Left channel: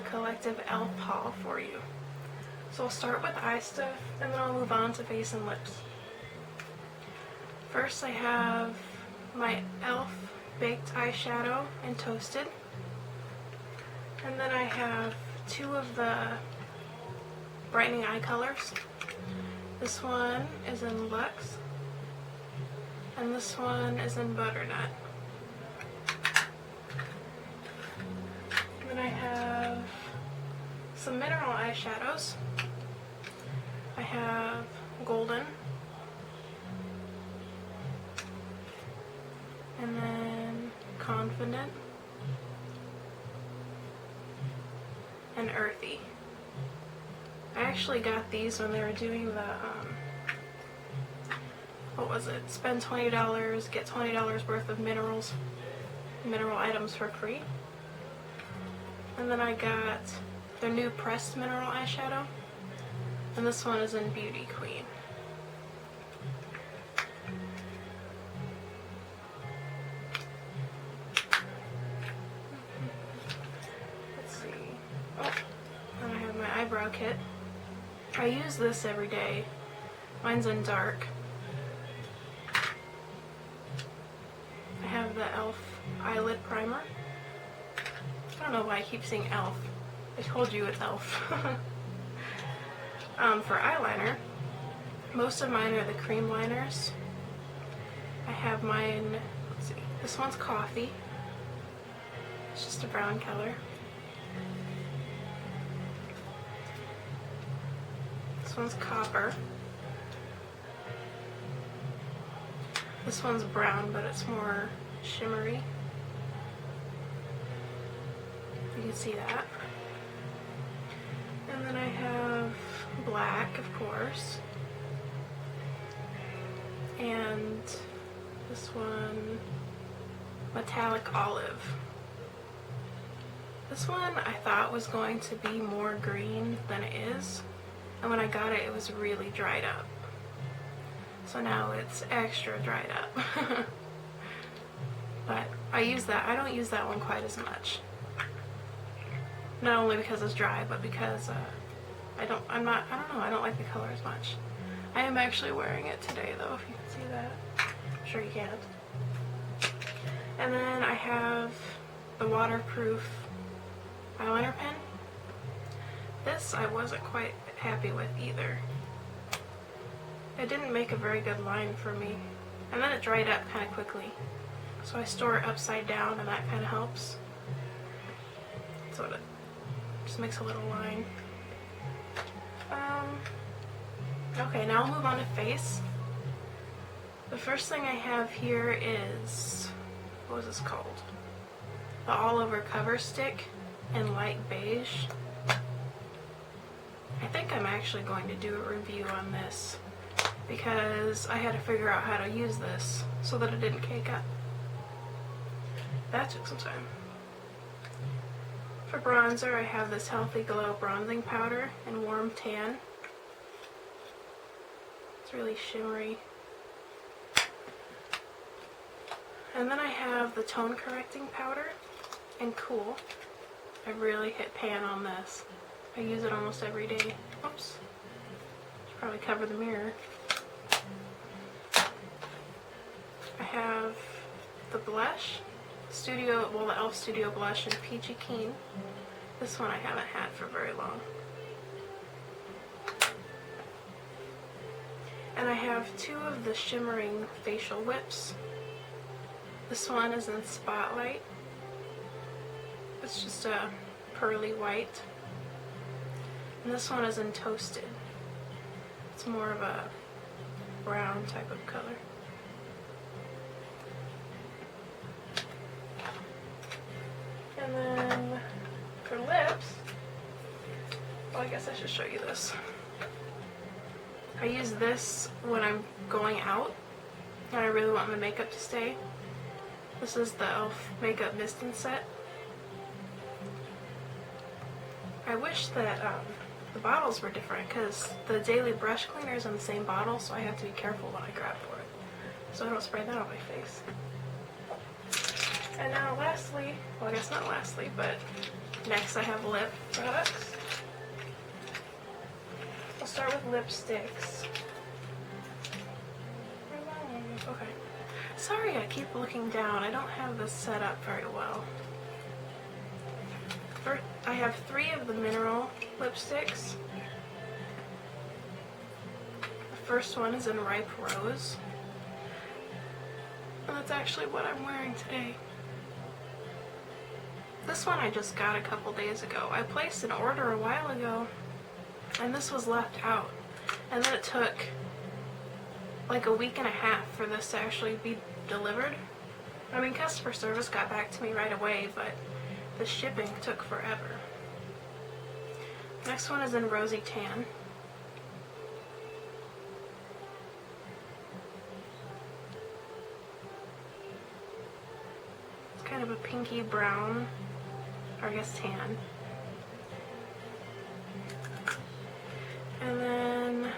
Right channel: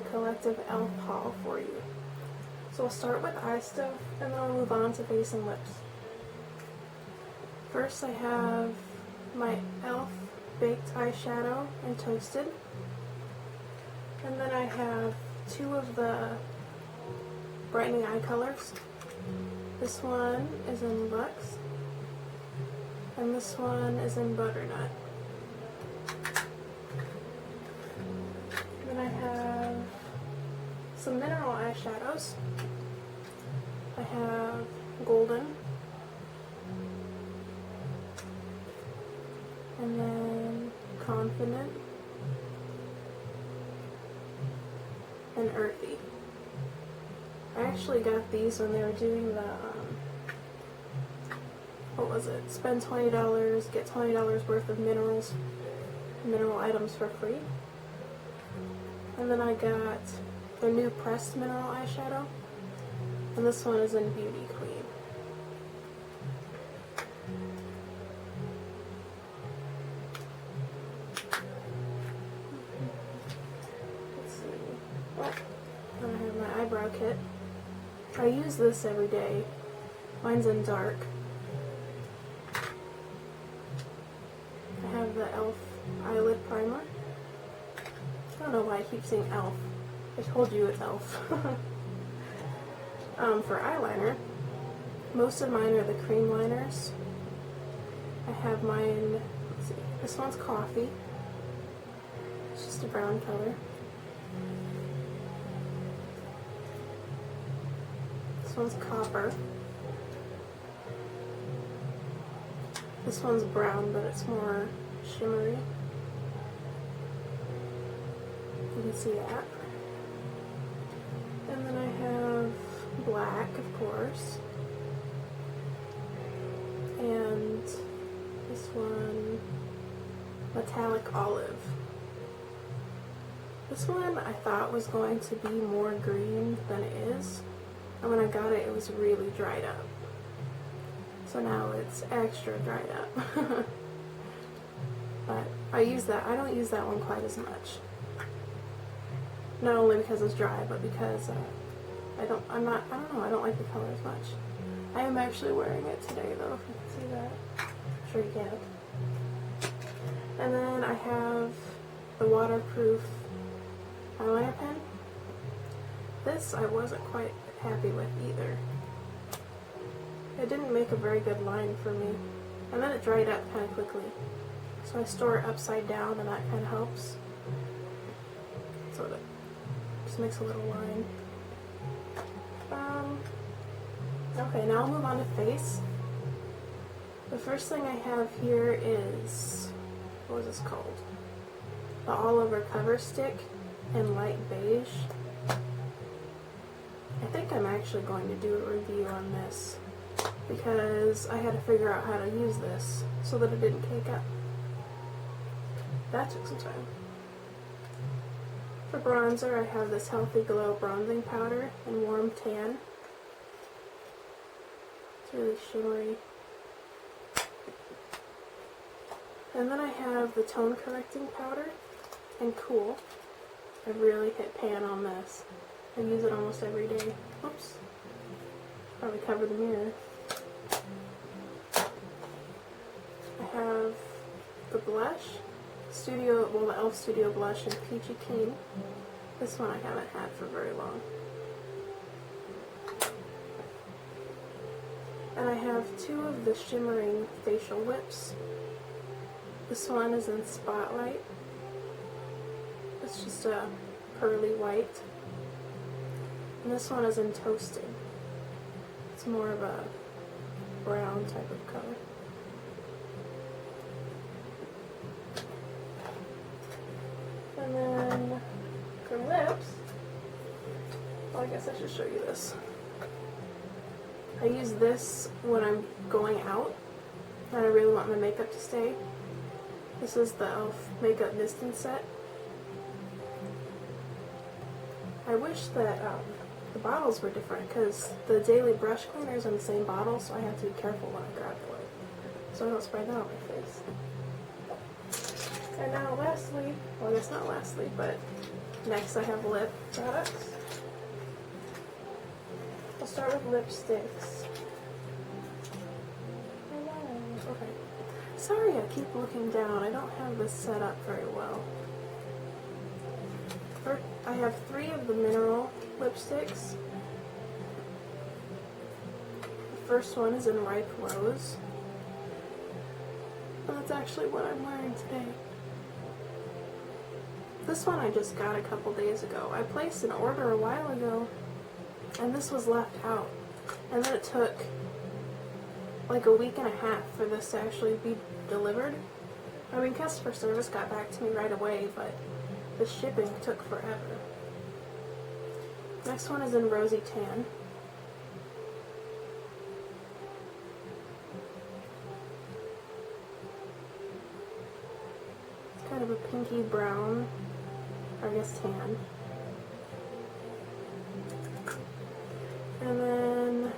a collective e.l.f. haul for you. So I'll start with eye stuff and then I'll move on to face and lips. First I have my e.l.f. baked eyeshadow in Toasted. And then I have two of the brightening eye colors. This one is in Luxe and this one is in Butternut. Then I have some mineral eyeshadows. I have Golden, and then Confident, and Earthy. I actually got these when they were doing the, what was it? Spend $20, get $20 worth of mineral items for free. And then I got their new pressed mineral eyeshadow, and this one is in Beauty Queen. Let's see. Oh, and I have my eyebrow kit. I use this every day. Mine's in dark. I have the e.l.f. eyelid primer. I don't know why I keep saying e.l.f. I told you it's e.l.f. For eyeliner, most of mine are the cream liners. I have mine, let's see, this one's Coffee. It's just a brown color. This one's Copper. This one's brown, but it's more shimmery. You can see that. And then I have Black, of course. And this one, Metallic Olive. This one I thought was going to be more green than it is. And when I got it, it was really dried up. So now it's extra dried up. But I use that. I don't use that one quite as much. Not only because it's dry, but because I don't like the color as much. I am actually wearing it today though, if you can see that. I'm sure you can't. And then I have the waterproof eyeliner pen. This I wasn't quite happy with either. It didn't make a very good line for me. And then it dried up kind of quickly. So I store it upside down and that kind of helps. So it just makes a little line. Okay, now I'll move on to face. The first thing I have here is, what was this called? The All Over Cover Stick in light beige. I think I'm actually going to do a review on this because I had to figure out how to use this so that it didn't cake up. That took some time. For bronzer, I have this Healthy Glow bronzing powder in Warm Tan. It's really shimmery. And then I have the tone correcting powder in Cool. I really hit pan on this. I use it almost every day. Oops. Should probably cover the mirror. I have the blush, the e.l.f. Studio Blush in Peachy Keen. This one I haven't had for very long. And I have two of the shimmering facial whips. This one is in Spotlight. It's just a pearly white. And this one is in Toasted. It's more of a brown type of color. And then for lips, well, I guess I should show you this. I use this when I'm going out and I really want my makeup to stay. This is the e.l.f. Makeup Mist and Set. I wish that the bottles were different because the daily brush cleaner is in the same bottle, so I have to be careful when I grab for it so I don't spray that on my face. And now lastly, well I guess not lastly, but Next I have lip products. I'll start with lipsticks. Okay. Sorry, I keep looking down. I don't have this set up very well. First, I have 3 of the mineral lipsticks. The first one is in Ripe Rose. And that's actually what I'm wearing today. This one I just got a couple days ago. I placed an order a while ago, and this was left out. And then it took like a week and a half for this to actually be delivered. I mean, customer service got back to me right away, but the shipping took forever. Next one is in Rosy Tan. It's kind of a pinky brown, or I guess tan. And then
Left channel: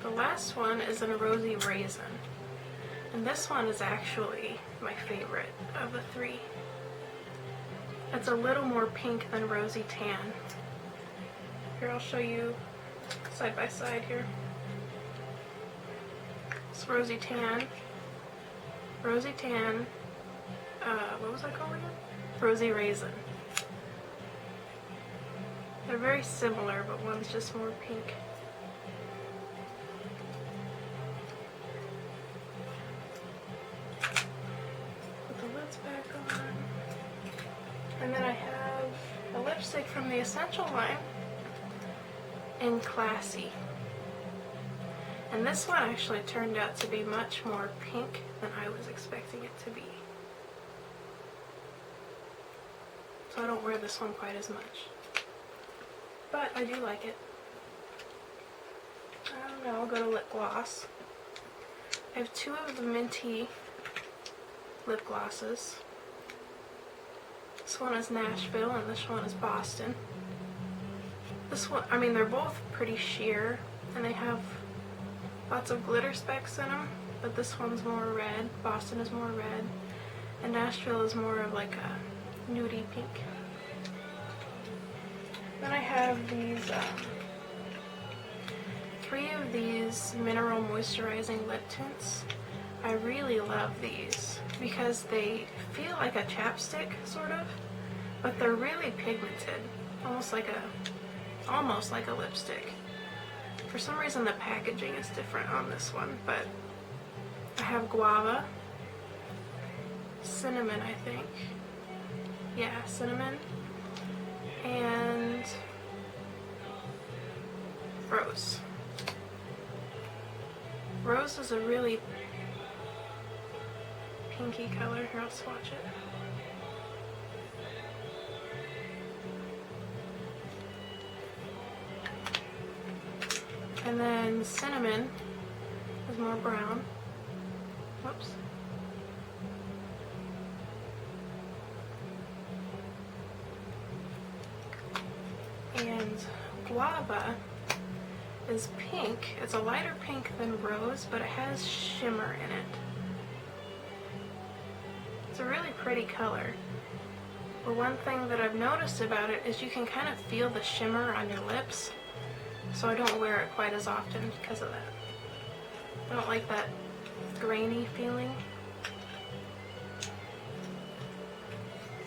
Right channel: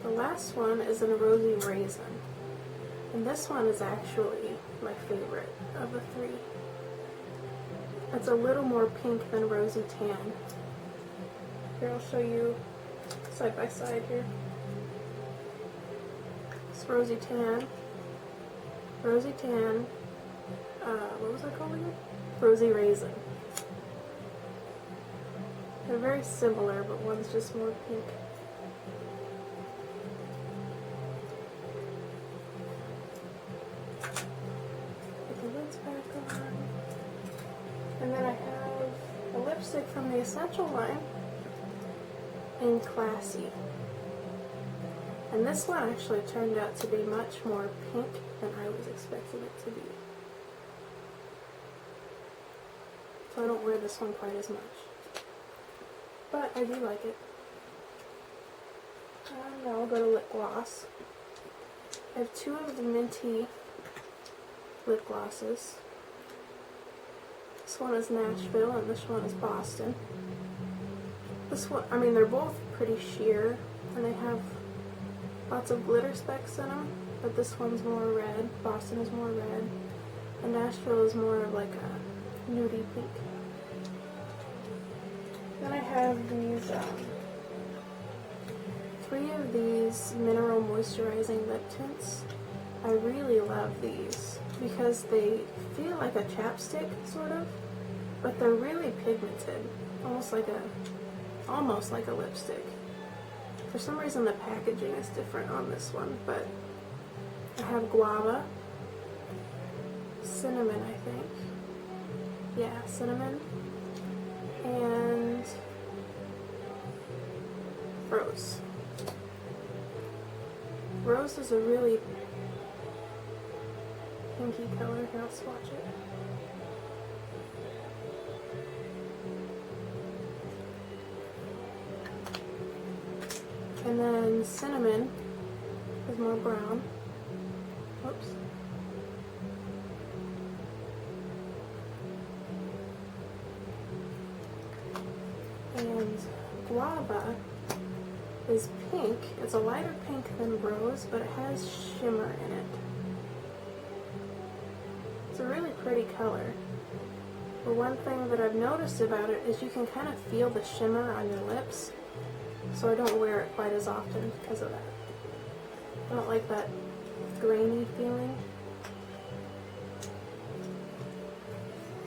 the last one is in Rosy Raisin. And this one is actually my favorite of the 3. It's a little more pink than Rosy Tan. Here, I'll show you side by side here. It's Rosy Tan. Rosy Tan. What was that called again? Rosy Raisin. They're very similar, but one's just more pink. Put the lids back on. And then I have a lipstick from the Essential line in Classy. And this one actually turned out to be much more pink than I was expecting it to be. So I don't wear this one quite as much. But I do like it. I don't know, I'll go to lip gloss. I have 2 of the minty lip glosses. This one is Nashville and this one is Boston. This one, I mean, they're both pretty sheer and they have lots of glitter specks in them, but this one's more red, Boston is more red, and Nashville is more of like a nudie pink. Then I have these 3 of these mineral moisturizing lip tints. I really love these because they feel like a chapstick sort of, but they're really pigmented, almost like a lipstick. For some reason the packaging is different on this one, but I have guava, cinnamon, I think. Yeah, cinnamon, and rose. Rose is a really pinky color. Here, I'll swatch it. And then cinnamon is more brown. Whoops. And guava is pink. It's a lighter pink than rose, but it has shimmer in it. It's a really pretty color. But one thing that I've noticed about it is you can kind of feel the shimmer on your lips. So I don't wear it quite as often because of that. I don't like that grainy feeling.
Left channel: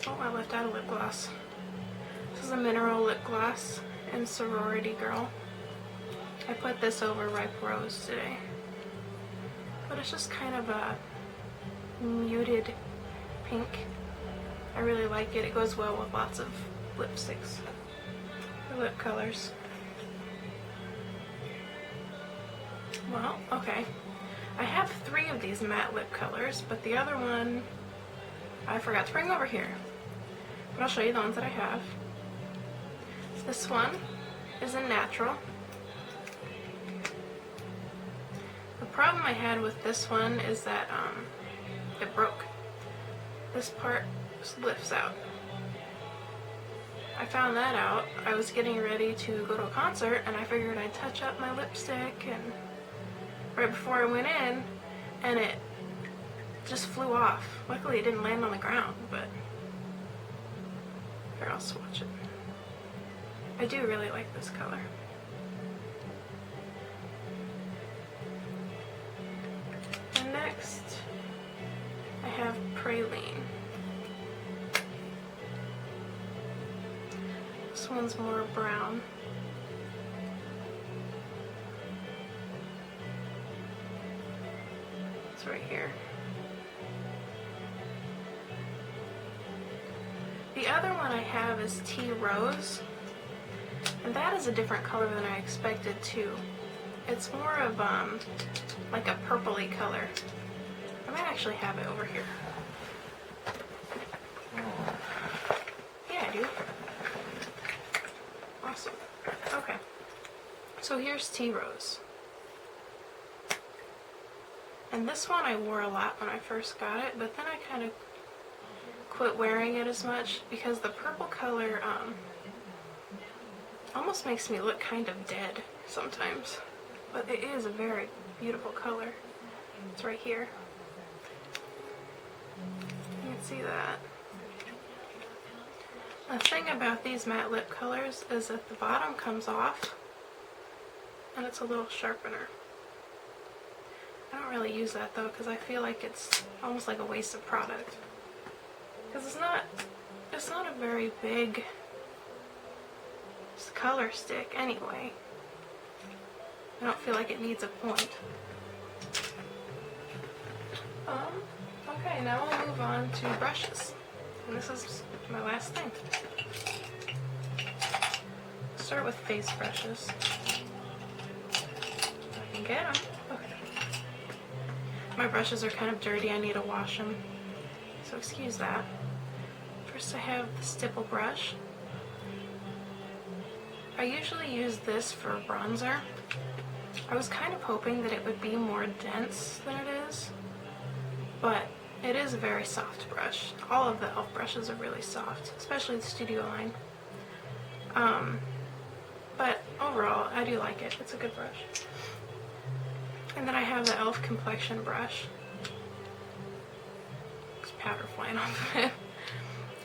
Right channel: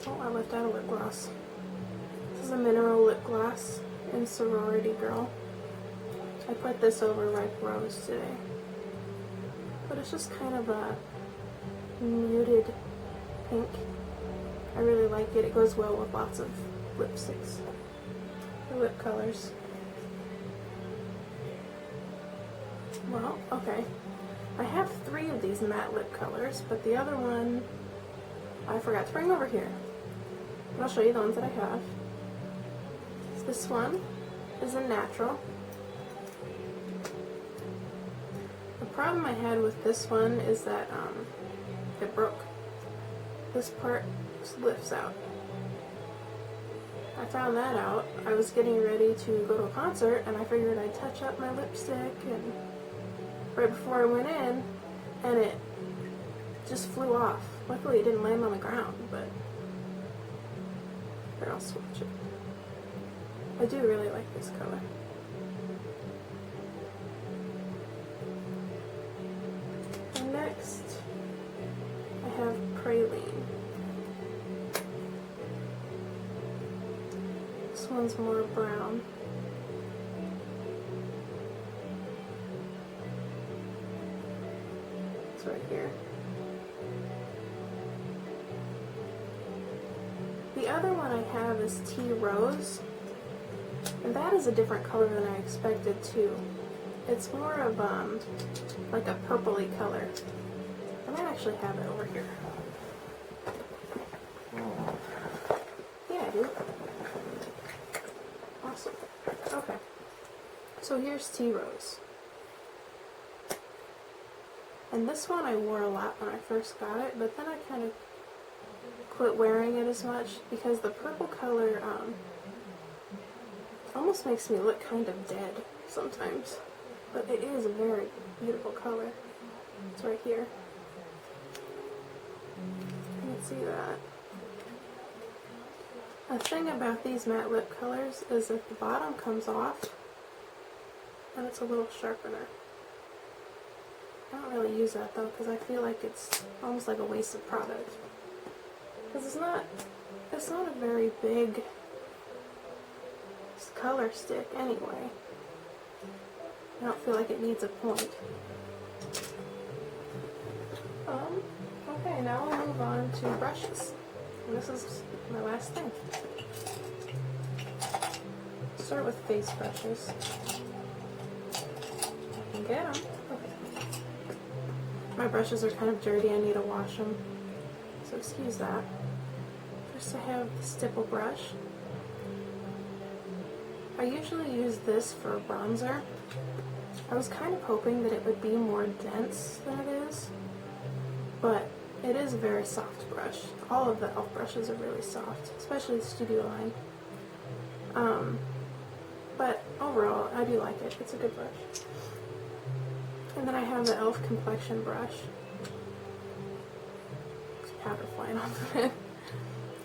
Oh, I left out a lip gloss. This is a mineral lip gloss in Sorority Girl. I put this over Ripe Rose today. But it's just kind of a muted pink. I really like it. It goes well with lots of lipsticks or lip colors. Well, okay. I have 3 of these matte lip colors, but the other one I forgot to bring over here. But I'll show you the ones that I have. This one is in Natural. The problem I had with this one is that it broke. This part just lifts out. I found that out. I was getting ready to go to a concert and I figured I'd touch up my lipstick and right before I went in, and it just flew off. Luckily it didn't land on the ground, but Here, I'll swatch it. I do really like this color. And next, I have Praline. This one's more brown. It's right here. The other one I have is Tea Rose, and that is a different color than I expected too. It's more of like a purpley color. I might actually have it over here. Yeah, I do. Awesome. Okay. So here's Tea Rose. And this one I wore a lot when I first got it, but then I kind of quit wearing it as much because the purple color almost makes me look kind of dead sometimes. But it is a very beautiful color. It's right here. You can see that. The thing about these matte lip colors is that the bottom comes off and it's a little sharpener. I don't really use that though because I feel like it's almost like a waste of product. Because it's not a very big color stick anyway. I don't feel like it needs a point. Okay, now we'll move on to brushes. And this is my last thing. Start with face brushes. If I can get them. Okay. My brushes are kind of dirty. I need to wash them. So excuse that. First I have the stipple brush. I usually use this for bronzer. I was kind of hoping that it would be more dense than it is, but it is a very soft brush. All of the e.l.f. brushes are really soft, especially the Studio line. But overall, I do like it. It's a good brush. And then I have the e.l.f. complexion brush. There's powder flying off of it.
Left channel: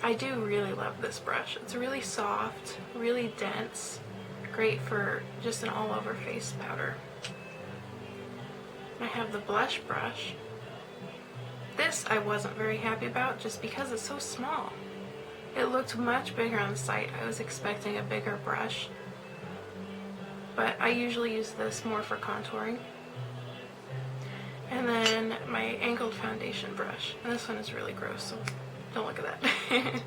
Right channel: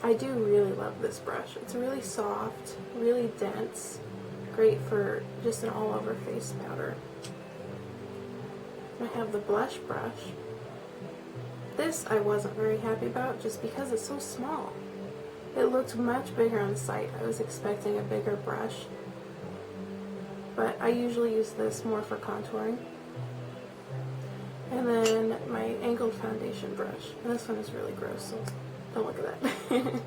I do really love this brush. It's really soft, really dense, great for just an all-over face powder. And I have the blush brush. This I wasn't very happy about just because it's so small. It looked much bigger on the site. I was expecting a bigger brush, but I usually use this more for contouring. And then my angled foundation brush. And this one is really gross, so don't look at that.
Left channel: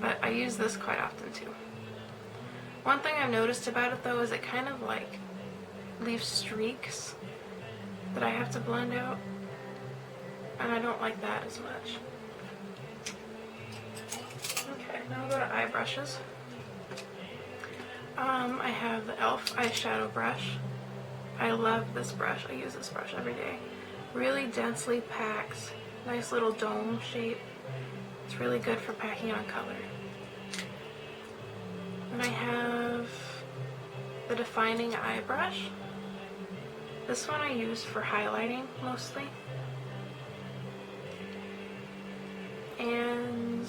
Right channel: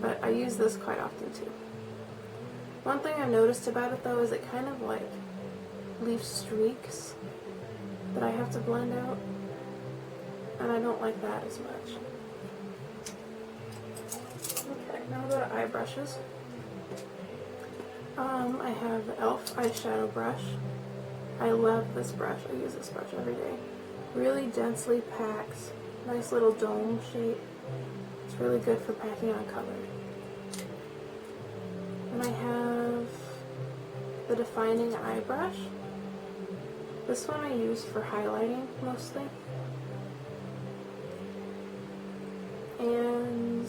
But I use this quite often too. One thing I've noticed about it though is it kind of like leaves streaks that I have to blend out. And I don't like that as much. Okay, now I'll go to eye brushes. I have the e.l.f. eyeshadow brush. I love this brush. I use this brush every day. Really densely packed, nice little dome shape. It's really good for packing on color. Then I have the defining eye brush. This one I use for highlighting mostly. And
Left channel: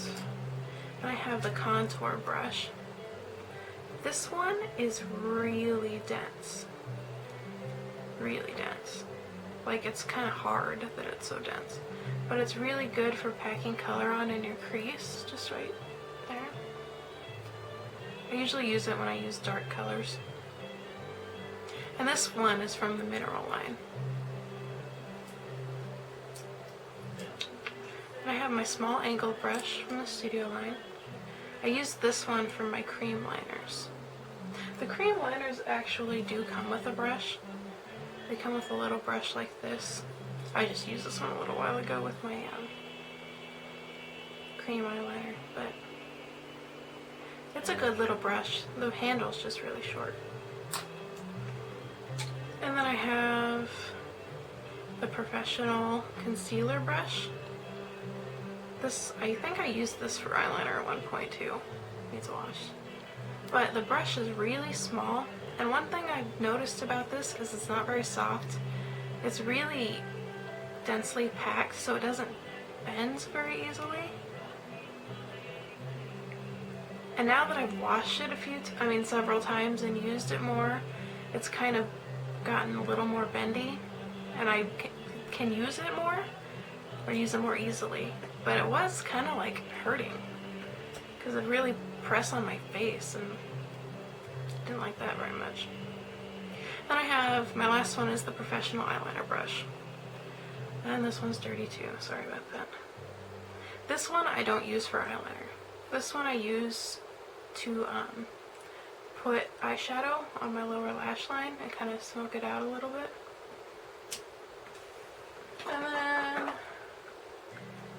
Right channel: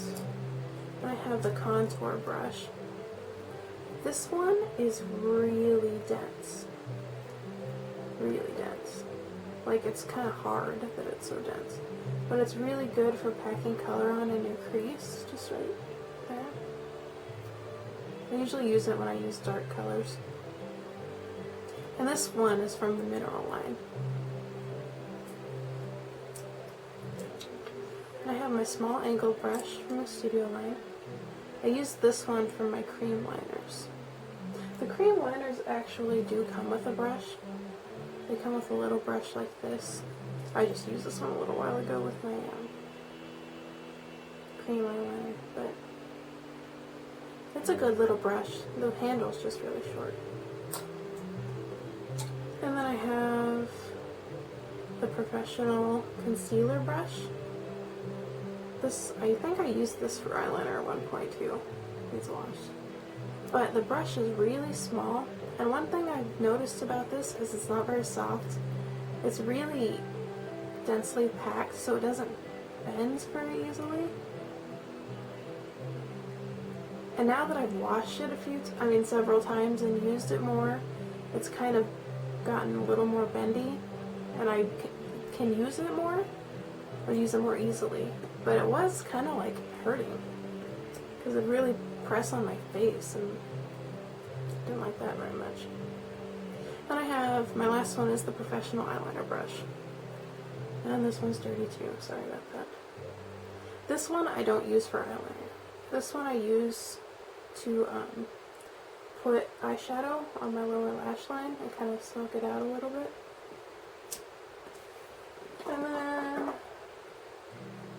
then I have the contour brush. This one is really dense. Really dense. Like it's kind of hard that it's so dense. But it's really good for packing color on in your crease, just right there. I usually use it when I use dark colors. And this one is from the Mineral line. And I have my small angled brush from the Studio line. I use this one for my cream liners. The cream liners actually do come with a brush. They come with a little brush like this. I just used this one a little while ago with my cream eyeliner, but it's a good little brush. The handle's just really short. And then I have the Professional concealer brush. This, I think I used this for eyeliner at one point too. Needs a wash. But the brush is really small, and one thing I've noticed about this is it's not very soft. It's really densely packed, so it doesn't bend very easily. And now that I've washed it several times and used it more, it's kind of gotten a little more bendy, and I can use it more, or use it more easily. But it was kind of like hurting, because it really pressed on my face, and I didn't like that very much. Then I have, my last one is the professional eyeliner brush. And this one's dirty too, sorry about that. This one I don't use for eyeliner. This one I use to put eyeshadow on my lower lash line and kind of smoke it out a little bit. And then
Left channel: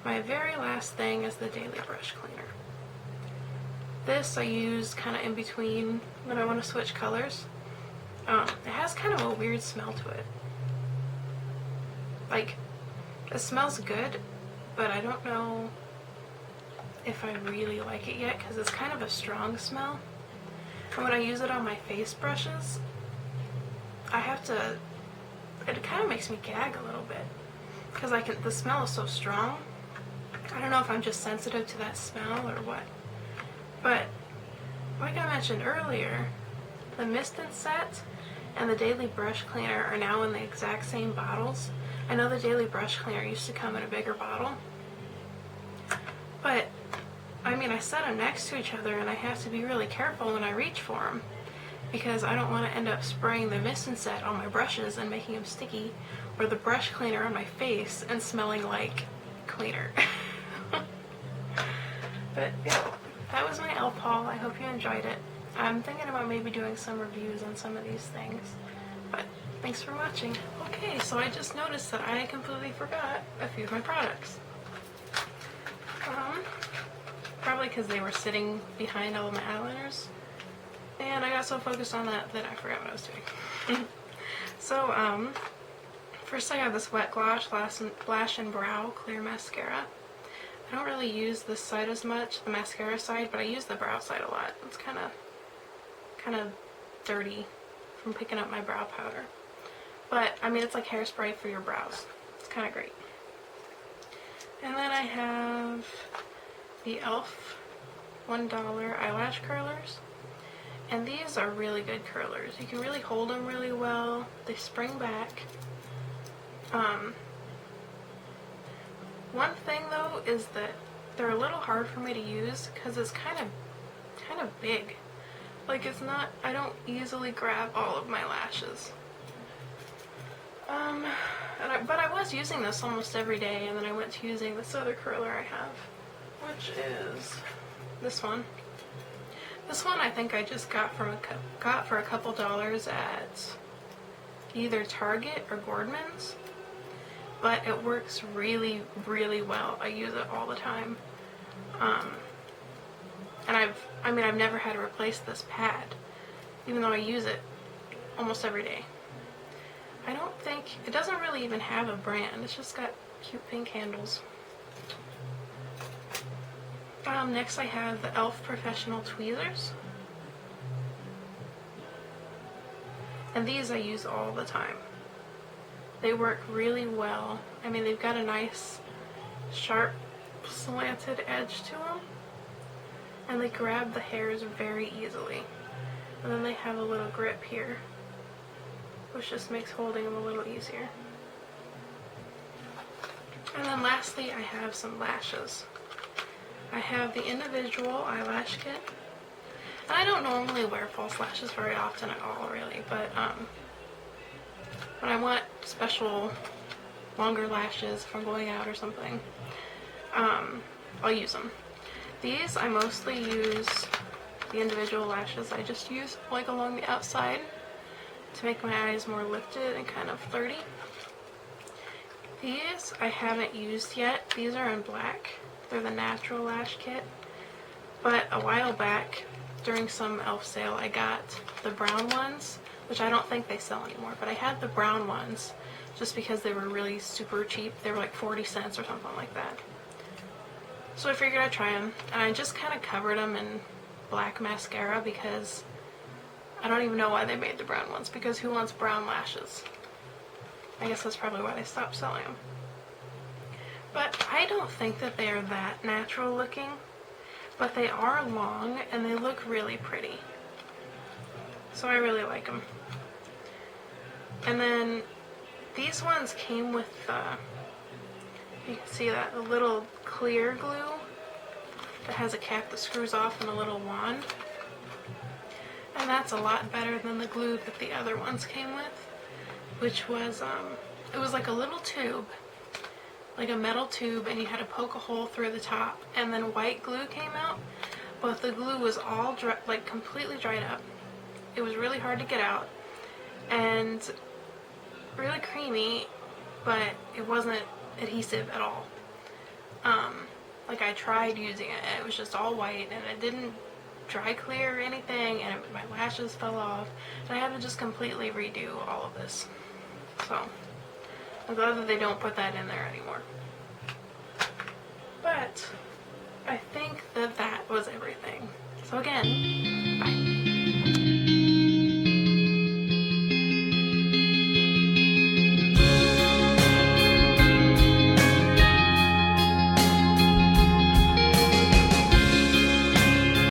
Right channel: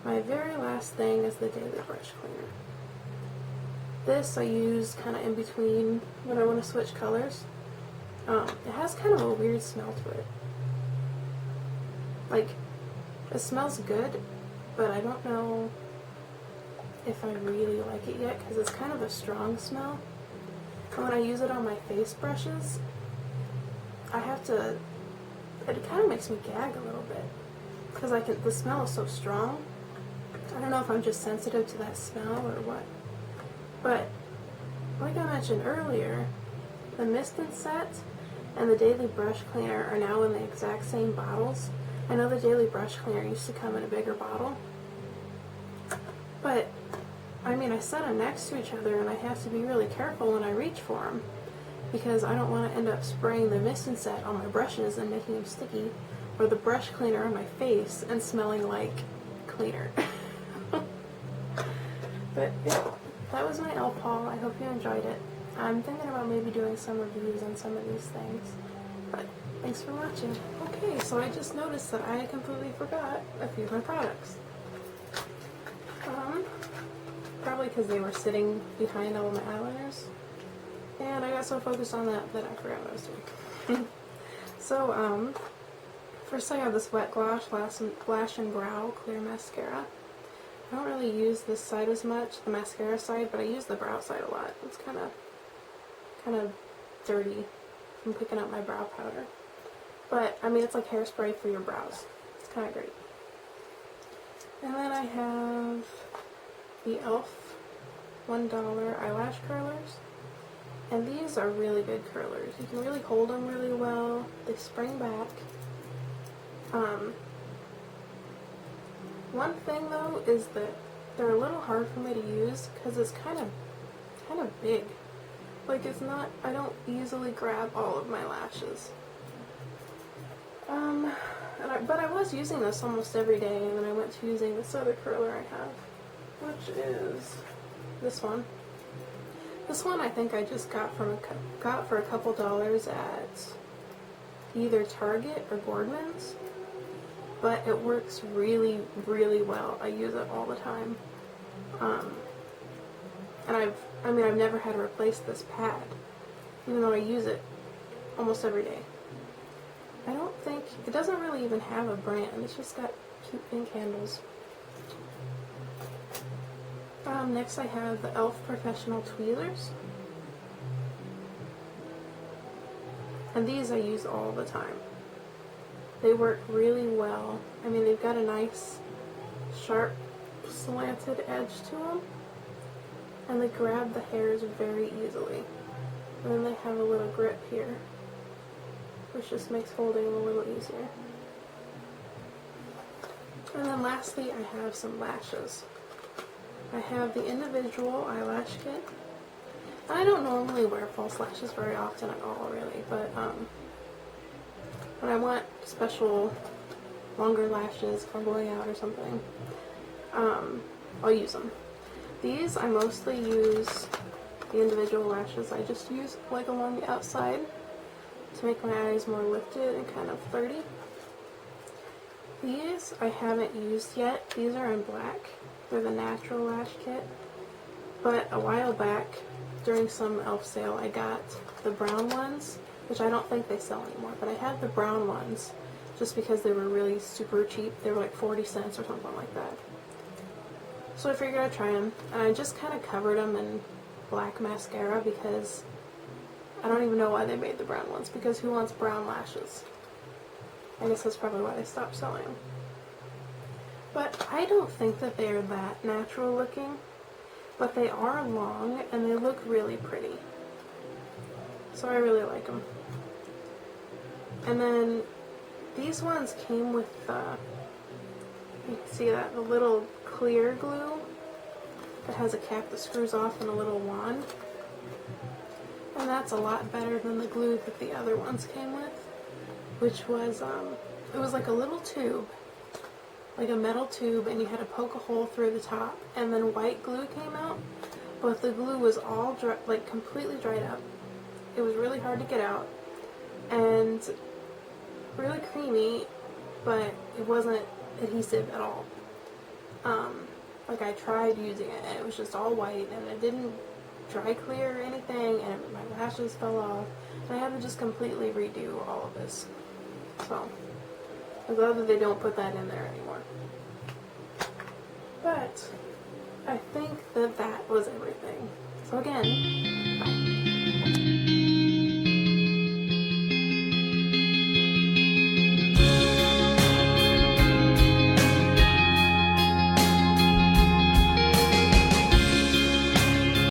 my very last thing is the Daily Brush Cleaner. This I use kind of in between when I want to switch colors. It has kind of a weird smell to it. Like, it smells good, but I don't know if I really like it yet because it's kind of a strong smell. And when I use it on my face brushes, it kind of makes me gag a little bit because the smell is so strong. I don't know if I'm just sensitive to that smell or what. But like I mentioned earlier, the Mist and Set and the Daily Brush Cleaner are now in the exact same bottles. I know the Daily Brush Cleaner used to come in a bigger bottle, but I mean, I set them next to each other and I have to be really careful when I reach for them because I don't want to end up spraying the Mist and Set on my brushes and making them sticky, or the brush cleaner on my face and smelling like cleaner. But yeah, that was my e.l.f. haul. I hope you enjoyed it. I'm thinking about maybe doing some reviews on some of these things, but thanks for watching. Okay, so I just noticed that I completely forgot a few of my products. Probably because they were sitting behind all my eyeliners, and I got so focused on that that I forgot what I was doing. So, first I have this Wet Gloss Lash and Brow Clear Mascara. I don't really use this side as much, the mascara side, but I use the brow side a lot. It's kind of dirty from picking up my brow powder. But, I mean, it's like hairspray for your brows. It's kind of great. And then I have the e.l.f. $1 eyelash curlers. And these are really good curlers. You can really hold them really well. They spring back. One thing though is that they're a little hard for me to use because it's kind of big. Like, it's not, I don't easily grab all of my lashes. But I was using this almost every day, and then I went to using this other curler I have, which is this one. This one I think I just got for a couple dollars at either Target or Gordman's, but it works really, really well. I use it all the time. And I've never had to replace this pad, even though I use it almost every day. I don't think, it doesn't really even have a brand, it's just got cute pink handles. Next I have the e.l.f. Professional Tweezers. And these I use all the time. They work really well. I mean, they've got a nice, sharp, slanted edge to them. And they grab the hairs very easily. And then they have a little grip here, which just makes holding them a little easier. And then lastly, I have some lashes. I have the individual eyelash kit. And I don't normally wear false lashes very often at all, really, but when I want special longer lashes, if I'm going out or something, I'll use them. These, I mostly use the individual lashes. I just use like along the outside to make my eyes more lifted and kind of flirty. These I haven't used yet. These are in black. They're the natural lash kit. But a while back, during some e.l.f. sale, I got the brown ones, which I don't think they sell anymore, but I had the brown ones just because they were really super cheap. They were like 40 cents or something like that. So I figured I'd try them, and I just kind of covered them in black mascara because I don't even know why they made the brown ones, because who wants brown lashes? I guess that's probably why they stopped selling them. But I don't think that they are that natural looking, but they are long and they look really pretty. So I really like them. And then these ones came with you can see that, the little clear glue that has a cap that screws off and a little wand. And that's a lot better than the glue that the other ones came with, which was, it was like a little tube, like a metal tube, and you had to poke a hole through the top, and then white glue came out, but the glue was all dry, like completely dried up. It was really hard to get out, and really creamy, but it wasn't adhesive at all. Like I tried using it, and it was just all white, and it didn't dry clear or anything, and my lashes fell off, and I had to just completely redo all of this. So I'm glad that they don't put that in there anymore. But I think that that was everything. So again,